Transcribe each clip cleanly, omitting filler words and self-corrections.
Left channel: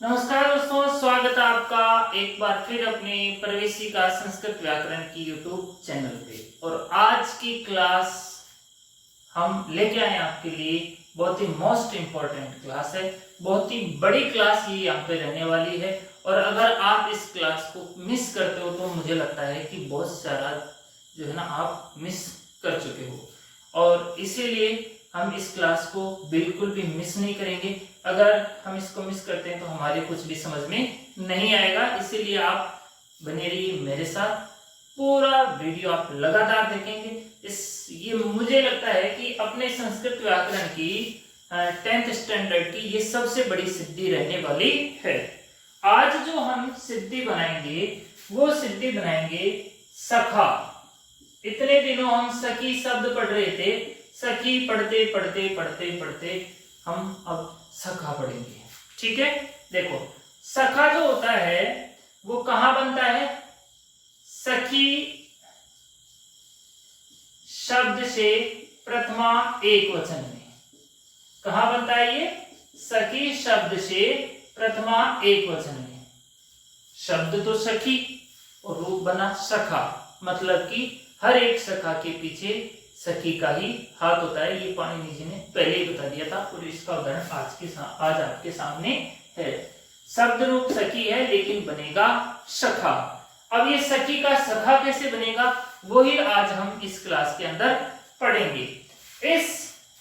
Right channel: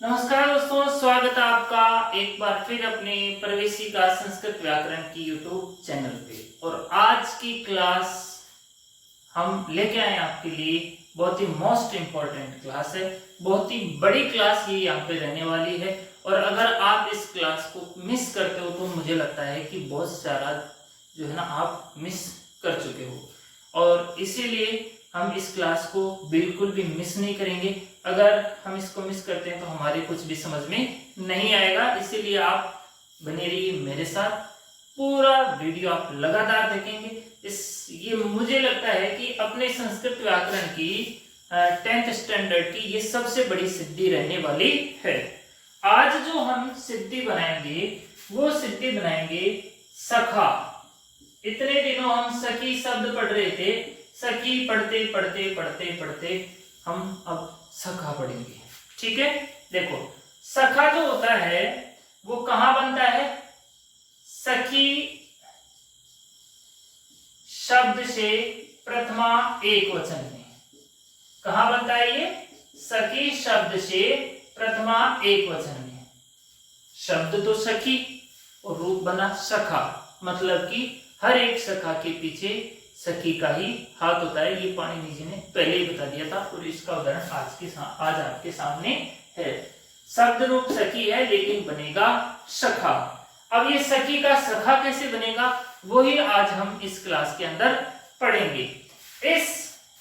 नमस्कार दोस्तों, स्वागत है आपका एक बार फिर अपने प्रवेशिका संस्कृत व्याकरण की यूट्यूब चैनल पे। और आज की क्लास हम लेके आए आपके लिए बहुत ही मोस्ट इम्पोर्टेंट क्लास है। बहुत ही बड़ी क्लास ये यहाँ पे रहने वाली है। और अगर आप इस क्लास को मिस करते हो तो मुझे लगता है कि बहुत सारा जो है ना आप मिस कर चुके हो। और इसीलिए हम इस क्लास को बिल्कुल भी मिस नहीं करेंगे। अगर हम इसको मिस करते हैं तो हमारे कुछ भी समझ में नहीं आएगा। इसीलिए आप बने रहिए मेरे साथ, पूरा वीडियो आप लगातार देखेंगे। ये मुझे लगता है कि अपने संस्कृत व्याकरण की 10th स्टैंडर्ड की ये सबसे बड़ी सिद्धि रहने वाली है। आज जो हम सिद्धि बनाएंगे वो सिद्धि बनाएंगे सखा। इतने दिनों हम सखी शब्द पढ़ रहे थे, सखी पढ़ते पढ़ते पढ़ते पढ़ते हम अब सखा पढ़ेंगे। ठीक है, देखो सखा जो होता है वो कहां बनता है? सखी शब्द से प्रथमा एक वचन में। कहां बनता है ये? सखी शब्द से प्रथमा एक वचन में। शब्द तो सखी और रूप बना सखा, मतलब कि हर एक सखा के पीछे सखी का ही हाथ होता है। ये पाणिनि जी ने पहले ही बता दिया था और इसका उदाहरण आज आपके सामने है। शब्द रूप सखी है लेकिन बनेगा सखा। अब ये सखी का सखा कैसे बनेगा वो ही आज हम इस क्लास के अंदर पढ़ेंगे। इस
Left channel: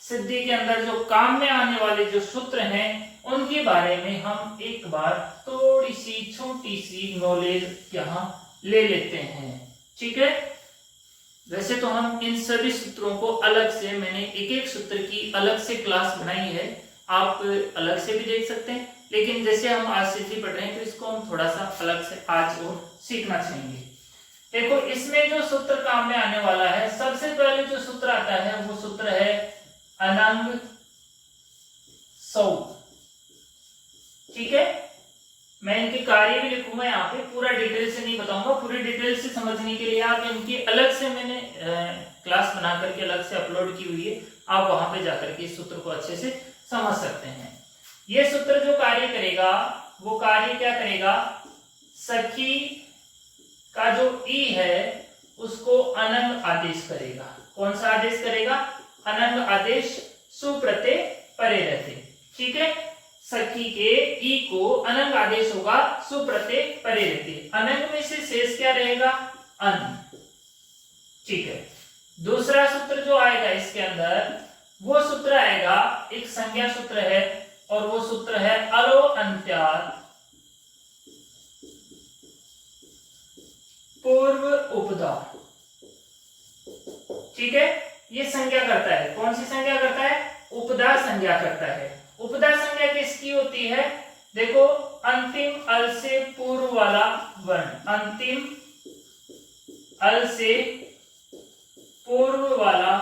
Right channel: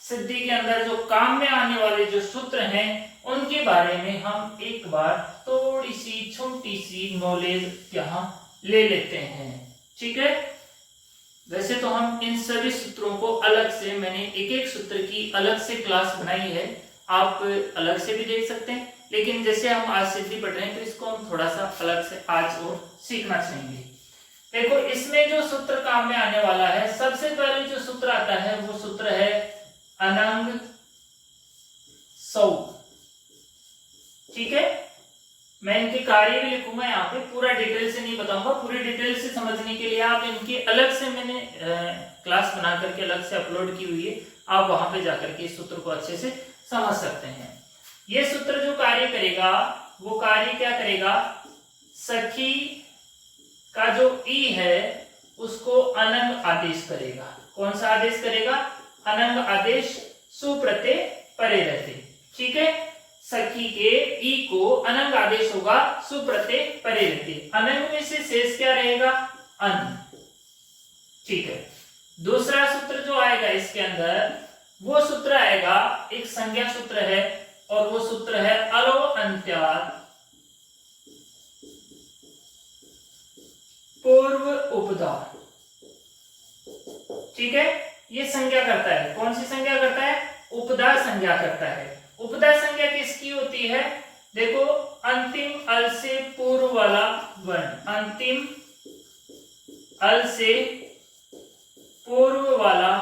सिद्धि के अंदर जो काम में आने वाले जो सूत्र हैं उनके बारे में हम एक बार थोड़ी सी छोटी सी नॉलेज यहाँ ले लेते हैं। ठीक है, वैसे तो हम इन सभी सूत्रों को अलग से, मैंने एक एक सूत्र की अलग से क्लास बनाई है, आप अलग से भी देख सकते हैं। लेकिन जैसे हम आज सिद्धि पढ़ रहे हैं तो इसको हम थोड़ा सा अलग से आज और सीखना चाहेंगे। देखो इसमें जो सूत्र काम में आने वाला है, सबसे पहले जो सूत्र आता है वो सूत्र है अनंग सौ। ठीक है, मैं इनके कार्य भी लिखूंगा यहाँ पे, पूरा डिटेल से नहीं बताऊंगा। पूरी डिटेल से समझने के लिए आप इनकी अलग से मैंने क्लास बना करके अलग से अपलोड की हुई है, आप वहां पे जाकर के इस सूत्र को अच्छे से समझ सकते हैं। ये सूत्र जो कार्य करेगा वो कार्य क्या करेगा? सखी का जो ई है उसको अनंग आदेश करेगा। कौन सा आदेश करेगा? अनंग आदेश, सुप्रत्यय परे रहते। ठीक है, सखी के ई को अनंग आदेश होगा, सुप्रत्यय परे रहते। अनंग में से शेष क्या रहेगा? अन। ठीक है, दूसरा सूत्र जो आएगा इसके अंदर वो सूत्र आएगा, एक संज्ञा सूत्र है और वो सूत्र है अलो अंत्यात् पूर्व उपदा। ठीक है, ये संज्ञा करता है। कौन सी संज्ञा करता है? उपदा संज्ञा करता है। उपदा संज्ञा किसकी होती है? देखो अंतिम अल से पूर्व वाला वर्ण, अंतिम अल से पूर्व वाला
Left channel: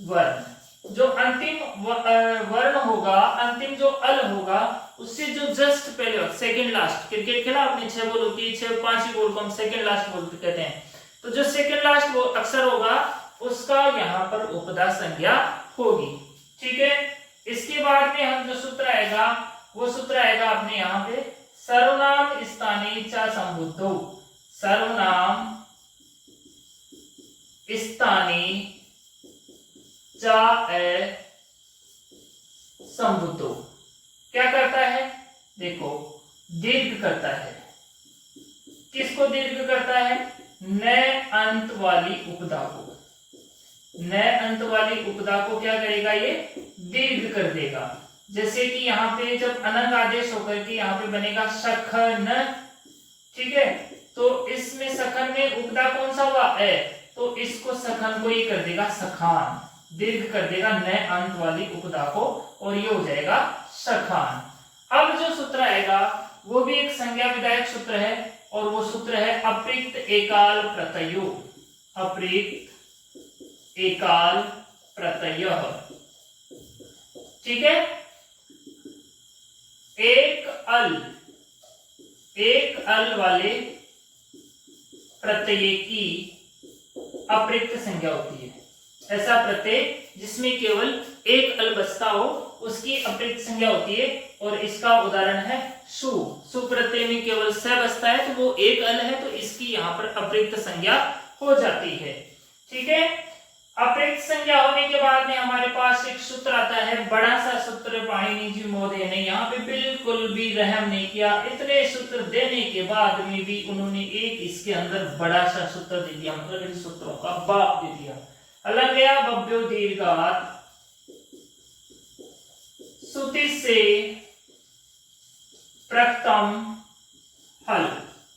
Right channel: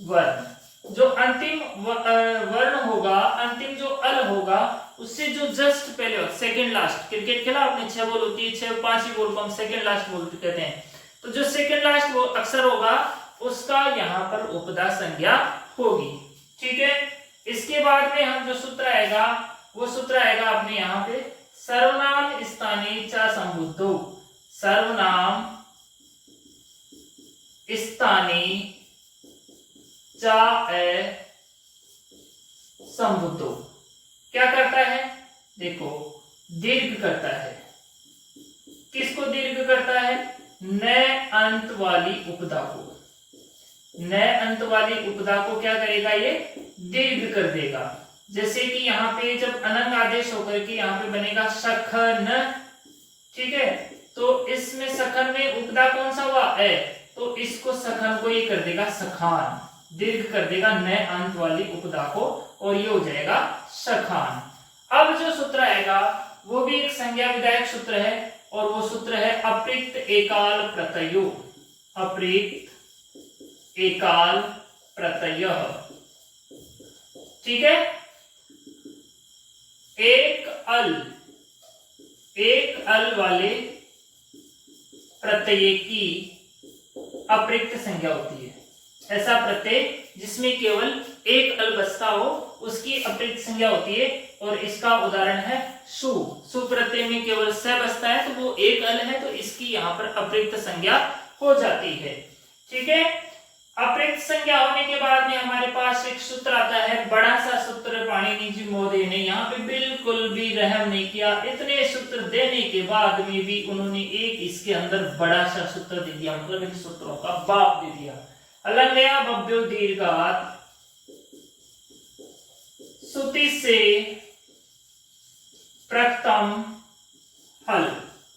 वर्ण, जो अंतिम वर्ण होगा, अंतिम जो अल होगा उससे जो जस्ट पहले हो, सेकंड लास्ट। क्रिकेट खेला आपने, 6 बॉल होती है, 6 5 बॉल को हम सेकंड लास्ट बोलते कहते हैं। तो जो सेकंड लास्ट वो अक्षर होगा उसका यहाँ पर उपदा संज्ञा होगी। ठीक है, इसके बाद में हम जो सूत्र आएगा वो सूत्र आएगा अपने यहाँ पे सर्वनाम स्थाने च संबुद्धो। सर्वनाम स्थाने च संबुद्धो क्या करता है? देखो दीर्घ करता है। किसको दीर्घ करता है? न अंत वाली उपदा को। न अंत वाली उपदा को क्या करेगा? ये दीर्घ कर देगा। जैसे कि यहाँ पे जब अनंग आदेश होकर के यहाँ पे बनेगा सखन। ठीक है, तो इसमें सखन में उपदा कौन सा हुआ? ए, तो इसको सखन को ये कर देगा सखान, दीर्घ कर देगा न अंत वाली उपदा को और ये हो जाएगा सखान। अब जो सूत्र आएगा वो भी एक संज्ञा विधायक सूत्र है और वो सूत्र है अप्रिक्त एकाल प्रत्ययो। अप्रिक्त एकाल प्रत्यय। ठीक है, एक अल वाले प्रत्यय की अप्रिक्त संज्ञा होती है। ऐसा प्रत्यय जिसमें केवल एक अल बसता हो उसकी अप्रयुक्त संज्ञा होती है। और इसका उदाहरण है सु। सु प्रत्यय में केवल स बसता है तो वो एक अल है, तो इसकी यहाँ पर अप्रयुक्त संज्ञा हो जाती है। ठीक है, अप्रयुक्त संज्ञा होने के बाद में हमारे पास एक सूत्र आता है, बड़ा सा सूत्र पाणिनि जी महोदय ने यहाँ पे बिल्कुल भी रहम नहीं किया। इतने सूत्र देने के बाद में भी उन्होंने एक इसके अंदर बड़ा सा सूत्र दे दिया, मतलब इन सूत्रों का बाप दे दिया। अलंगया बब्यो दीर्घात सुति से प्रथम हल,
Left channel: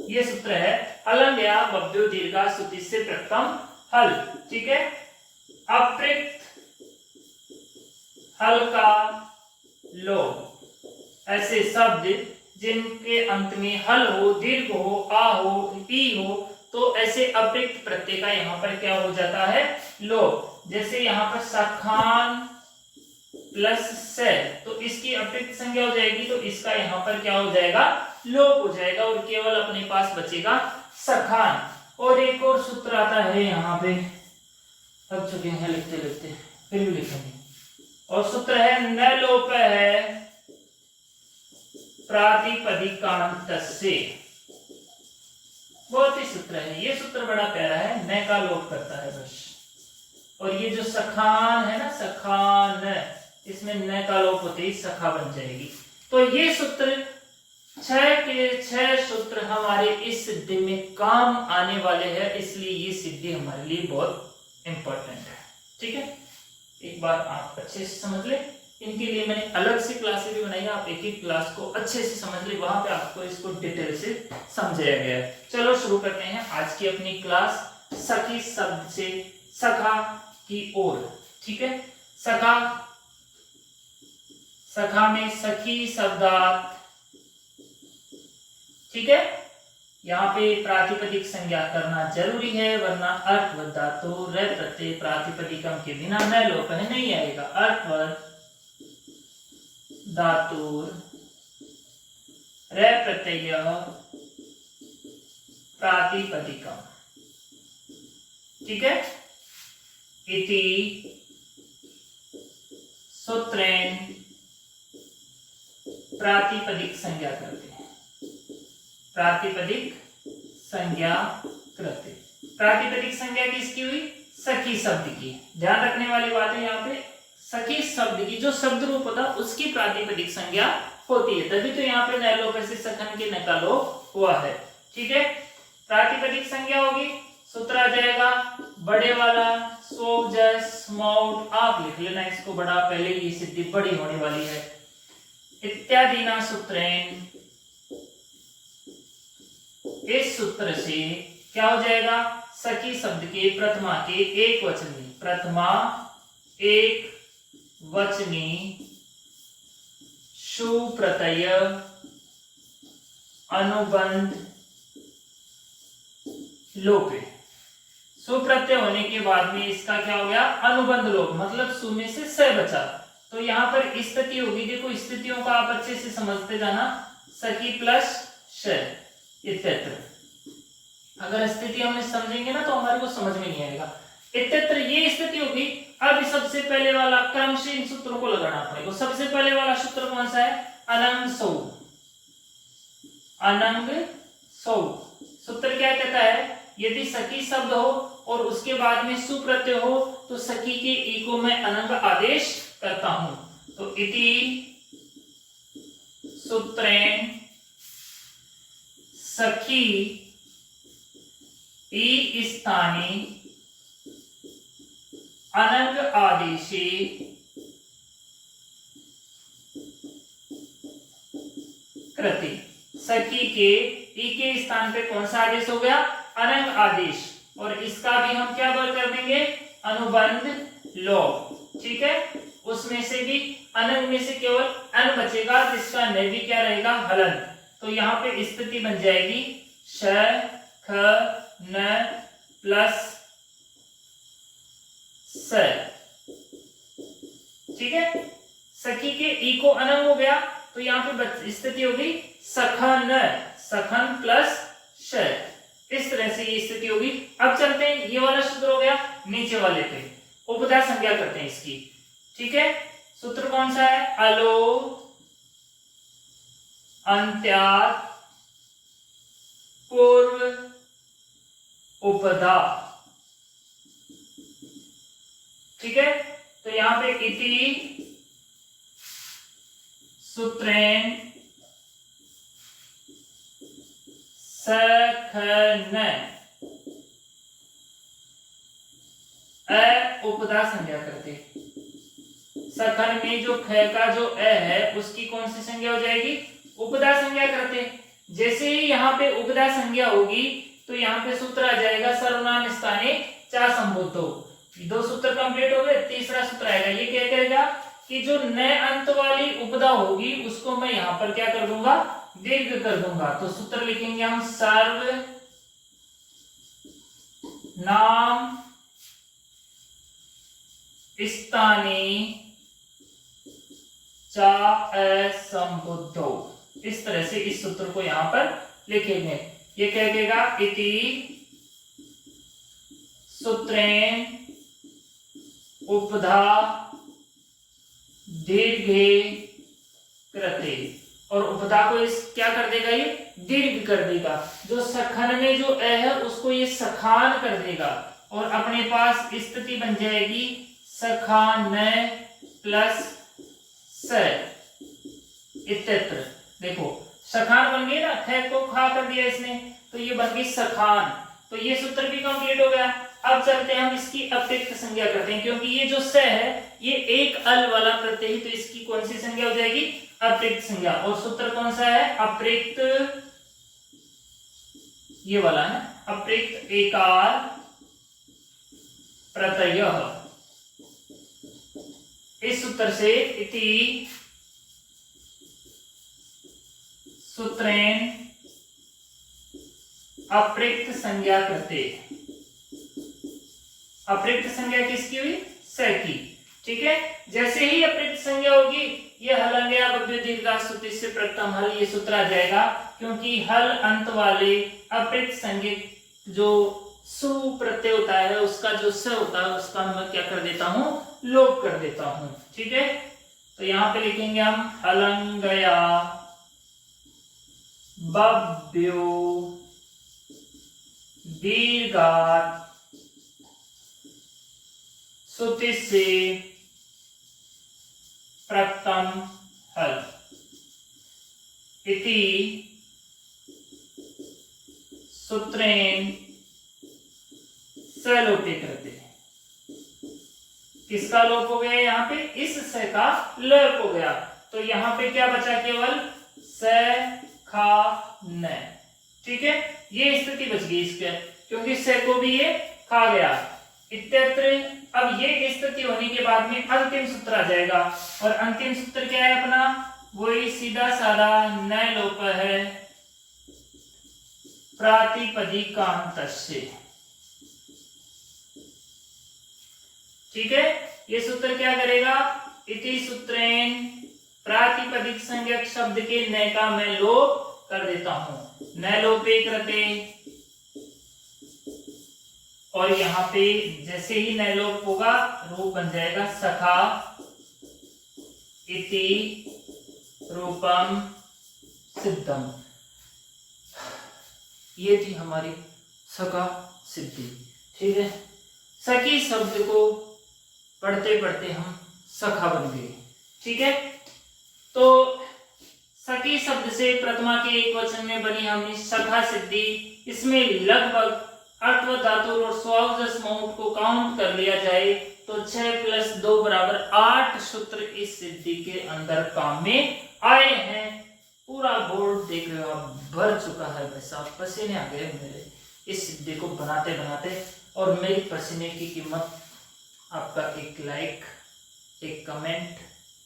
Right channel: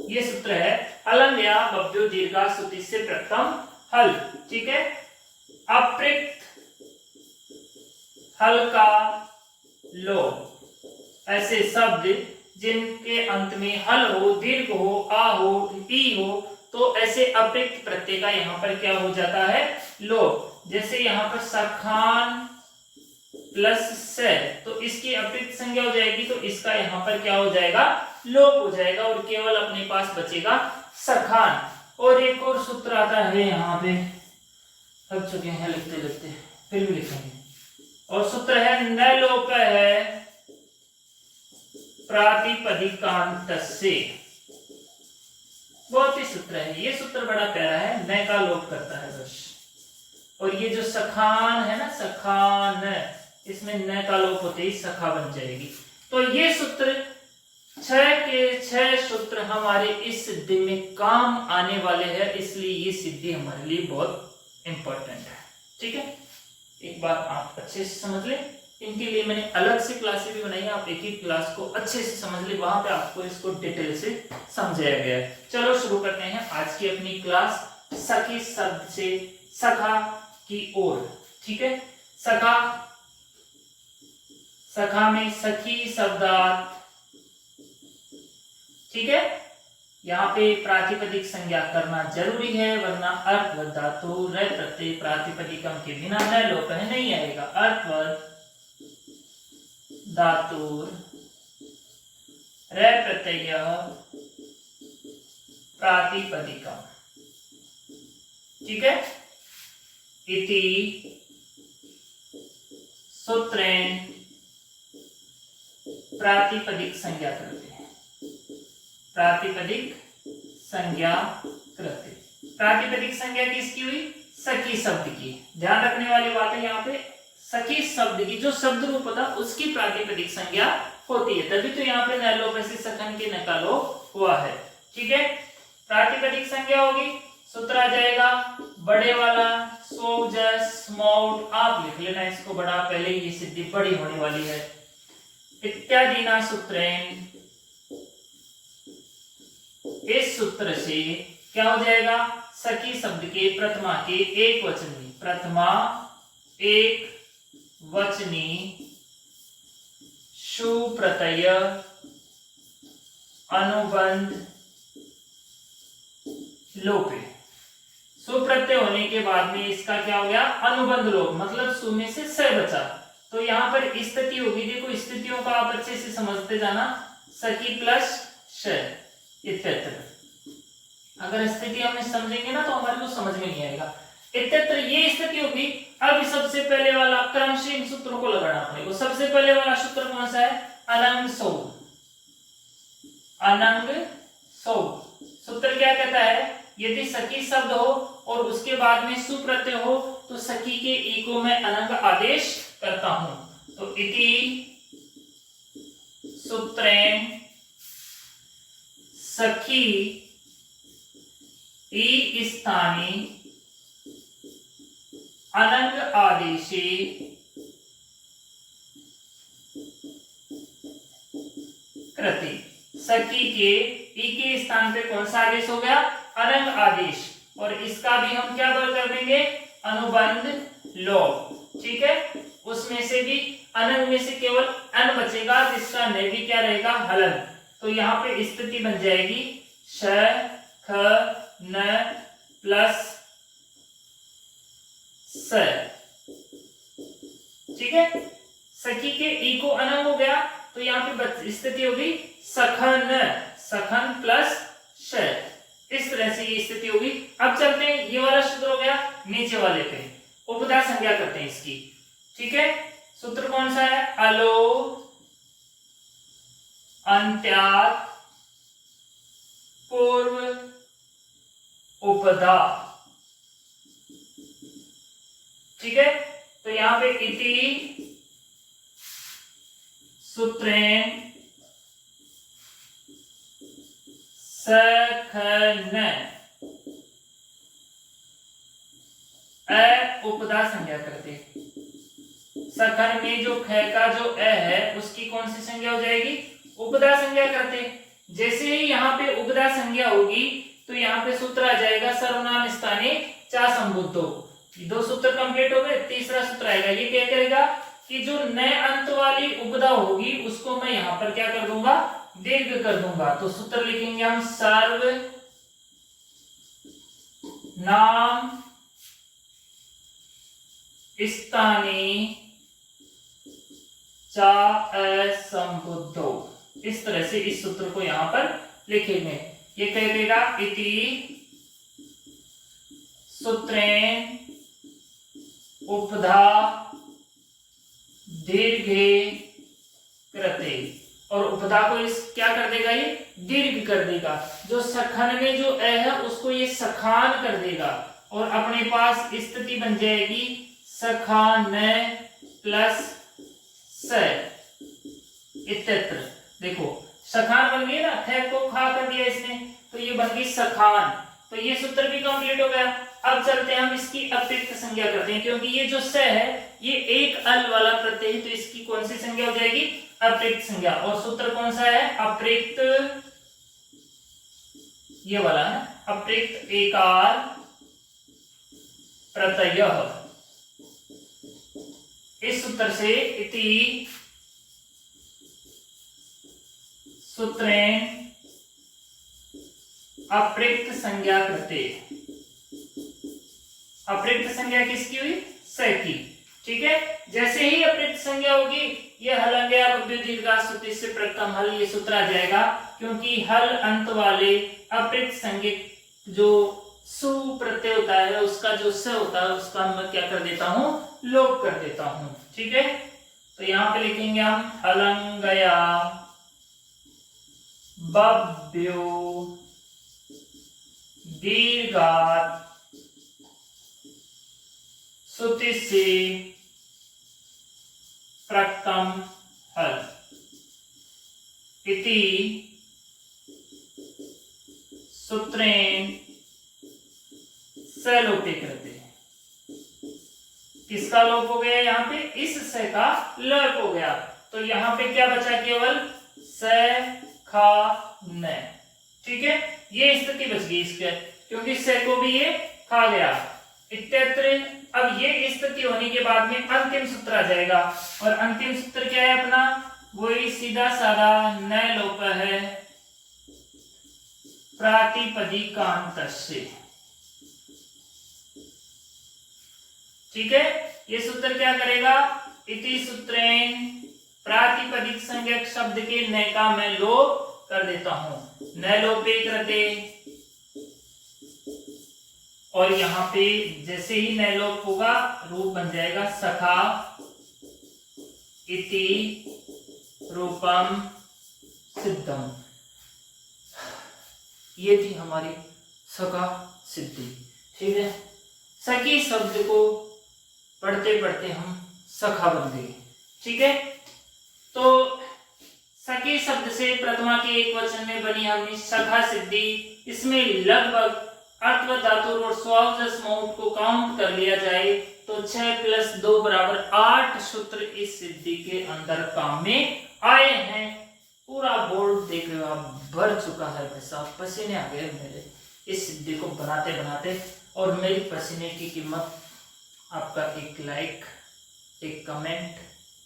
ये सूत्र है अलंगया बब्यो दीर्घात सुति से प्रथम हल। ठीक है, अप्रयुक्त हल का लोप, ऐसे शब्द जिनके अंत में हल हो, दीर्घ हो, आ हो, ई हो, तो ऐसे अप्रयुक्त प्रत्यय का यहाँ पर क्या हो जाता है, लोप। जैसे यहाँ पर सखान प्लस से, तो इसकी अप्रयुक्त संज्ञा हो जाएगी, तो इसका यहाँ पर क्या हो जाएगा, लोप हो जाएगा और केवल अपने पास बचेगा सखान। और एक और सूत्र आता है यहाँ पे, थक चुके हैं लिखते लिखते, फिर भी लिखेंगे। और सूत्र है न लोप है प्रातिपदिकांत से, बहुत ही सूत्र है ये। सूत्र बड़ा प्यारा है, न का लोप करता है बस। और ये जो सखान है ना, सखान, इसमें न का लोप होते ही सखा बन जाएगी। तो ये सूत्र 6 के 6 सूत्र हमारे इस सिद्धि में काम आने वाले हैं, इसलिए ये सिद्धि हमारे लिए बहुत इंपॉर्टेंट है। ठीक है, एक बार आप अच्छे से समझ ले। इनके लिए मैंने अलग से क्लासेस भी बनाई है, आप एक एक क्लास को अच्छे से समझ ले, वहां पे आपको इसको डिटेल से समझाया गया है। चलो शुरू करते हैं आज की अपनी क्लास, सखी शब्द से सखा की ओर। ठीक है, सखा, सखा में सखी शब्दार्थ। ठीक है, यहाँ पे प्रातिपदिक संज्ञा करना जरूरी है, वरना अर्थवत धातु र प्रत्यय प्रातिपदिकम के बिना न लोप है नहीं आएगा। अर्थवत धातु र प्रत्यय प्रातिपदिकम। ठीक है, इति सूत्रेण प्रातिपदिक संज्ञा करते हैं। प्रातिपदिक संज्ञा कृत्य, प्रातिपदिक संज्ञा किसकी हुई, सखी शब्द की। ध्यान रखने वाली बात है यहाँ पे, सखी शब्द की जो शब्द रूप होता है उसकी प्रातिपदिक संज्ञा होती है, तभी तो यहाँ पे न लोप ऐसे सखन के न का लोप हुआ है। ठीक है, प्रातिपदिक संज्ञा होगी, सूत्र आ जाएगा बड़े वाला सो जस माउट, आप लिख लेना इसको बड़ा, पहले ये सिद्धि बड़ी होने वाली है। इत्यादि ना सूत्रेण, इस सूत्र से क्या हो जाएगा, सखी शब्द के प्रथमा के एक वचनी, प्रथमा एक वचनी सुप्रत्यय अनुबंध लोप। सुप्रत्यय होने के बाद में इसका क्या हो गया, अनुबंध लोप, मतलब सु में से स बचा। तो यहाँ पर स्थिति होगी, देखो स्थितियों का आप अच्छे से समझते जाना, सखी प्लस श इत्यत्र। अगर स्थिति हमने समझेंगे ना तो हमारे को समझ में नहीं आएगा। इत्यत्र ये स्थिति होगी। अब सबसे पहले वाला क्रम से इन सूत्रों को लगाना पड़ेगा। सबसे पहले वाला सूत्र कौन सा है, अनंग सौ, अनंग सौ। सूत्र क्या कहता है, यदि सखी शब्द हो और उसके बाद में सुप्रत्यय हो तो सखी के ई को मैं अनंग आदेश करता हूं। तो इति सूत्रेण सखी ई स्थानी अनंग आदेशे कृति। सखी के ई के स्थान पे कौन सा आदेश हो गया, अनंग आदेश, और इसका भी हम क्या कर देंगे, अनुबंध लोप। ठीक है, उसमें से भी अनंग में से केवल अन बचेगा, जिसका न भी क्या रहेगा, हलन। तो यहाँ पे स्थिति बन जाएगी श ख न प्लस स। ठीक है, सखी के ई को अनंग हो गया तो यहाँ पे स्थिति होगी सखन, सखन प्लस श। इस तरह से ये स्थिति होगी। अब चलते हैं, ये वाला सूत्र हो गया नीचे वाले पे, उपधा संज्ञा करते हैं इसकी। ठीक है, सूत्र कौन सा है? अलोप अंत्यात पूर्व उपधा। ठीक है, तो यहां पे इति सूत्रेण सखन उपधा संज्ञा करते। सखन में जो ख का जो अ है उसकी कौन सी संज्ञा हो जाएगी? उपधा संज्ञा करते। जैसे ही यहाँ पे उपधा संज्ञा होगी तो यहाँ पे सूत्र आ जाएगा सर्वनाम स्थाने चा संबुद्धो। 2 सूत्र कंप्लीट हो गए। तीसरा सूत्र आएगा, ये क्या करेगा कि जो न अंत वाली उपधा होगी उसको मैं यहाँ पर क्या कर दूंगा? दीर्घ कर दूंगा। तो सूत्र लिखेंगे हम सर्व नाम स्थाने चा असंबुद्धो। इस तरह से इस सूत्र को यहां पर लिखेंगे। ये कह देगा इति सूत्रेण उपधा दीर्घे कृते। और उपधा को इस क्या कर देगा? ये दीर्घ कर देगा। जो सखन में जो अ है उसको ये सखान कर देगा और अपने पास स्थिति बन जाएगी सखान प्लस स इत्यत्र। देखो सखान बन गई ना, ख को खा कर दिया इसने, तो ये बन गई सखान। तो ये सूत्र भी कंप्लीट हो गया। अब चलते हैं हम इसकी अतिरिक्त संज्ञा करते हैं, क्योंकि ये जो स है ये एक अल वाला प्रत्यय है, तो इसकी कौन सी संज्ञा हो जाएगी? अतिरिक्त संज्ञा। और सूत्र कौन सा है? अतिरिक्त, ये वाला है, अतिरिक्त एकार प्रत्यय। इस सूत्र से इति सूत्रेण अप्रयुक्त संज्ञा करते। अप्रयुक्त संज्ञा किसकी हुई? स की। ठीक है, जैसे ही अप्रयुक्त संज्ञा होगी ये हलंग्या बभ्य दीर्घा सूत्र से प्रथम हल, ये सूत्र आ जाएगा। क्योंकि हल अंत वाले अप्रयुक्त संज्ञा जो सु प्रत्यय होता है उसका जो स होता है उसका मैं क्या कर देता हूं? लोप कर देता हूं। ठीक है, तो यहां पे लिखेंगे हम हलंगया बभ्यो दीर्घात सूत्र से प्रथम हल इति सूत्रेण सलोपे करते हैं। किसका लोप हो गया? यहाँ पे इस स का लोप हो गया। तो यहाँ पे क्या बचा? केवल स खा न। ठीक है, ये स्थिति बच गई इसके, क्योंकि स को भी ये खा गया इत्यत्र। अब ये स्थिति होने के बाद में अंतिम सूत्र आ जाएगा, और अंतिम सूत्र क्या है अपना? वही सीधा साधा न लोप है प्रातिपदिकांतस्य। ठीक है, ये सूत्र क्या करेगा? इति सूत्रेण प्रातिपदिक संज्ञक शब्द के न का मैं लोप कर देता हूं, न लोपे कृते। और यहां पे जैसे ही न लोप होगा रूप बन जाएगा सखा इति रूपम सिद्धम। ये थी हमारी सखा सिद्धि। ठीक है, सखी शब्द को पढ़ते पढ़ते हम सखा बन गए। ठीक है, तो सखी शब्द से प्रथमा के एक वचन में बनी हमने सखा सिद्धि। इसमें लगभग अर्थ व धातु और स्वावजस माउंट को काउंट कर लिया जाए तो 6 + 2 = 8 सूत्र इस सिद्धि के अंदर काम में आए हैं। पूरा बोर्ड देख रहे हो आप, भर चुका है भाई साहब, पसीने आ गए मेरे इस सिद्धि को बनाते बनाते। और मेरी पसीने की कीमत आपका एक लाइक, एक कमेंट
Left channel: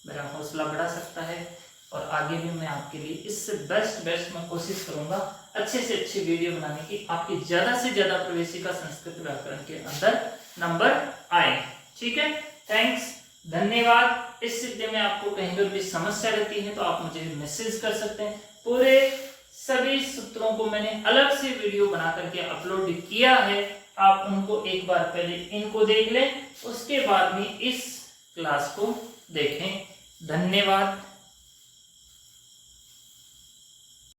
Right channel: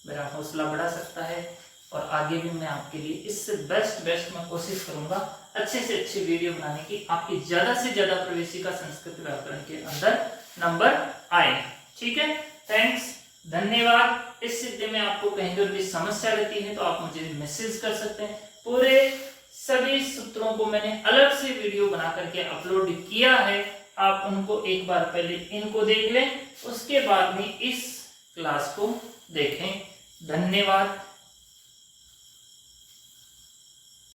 मेरा हौसला बढ़ा सकता है, और आगे भी मैं आपके लिए इससे बेस्ट मैं कोशिश करूंगा अच्छे से अच्छी वीडियो बनाने की, आपकी ज्यादा से ज्यादा प्रवेशिका संस्कृत व्याकरण के अंदर नंबर आए। ठीक है, थैंक्स, धन्यवाद। इस सिद्धि में आपको कहीं पर भी समस्या रहती है तो आप मुझे मैसेज कर सकते हैं। पूरे सभी सूत्रों को मैंने अलग से वीडियो बना करके अपलोड किया है, आप उनको एक बार पहले इनको देख लें, उसके बाद में इस क्लास को देखें। धन्यवाद।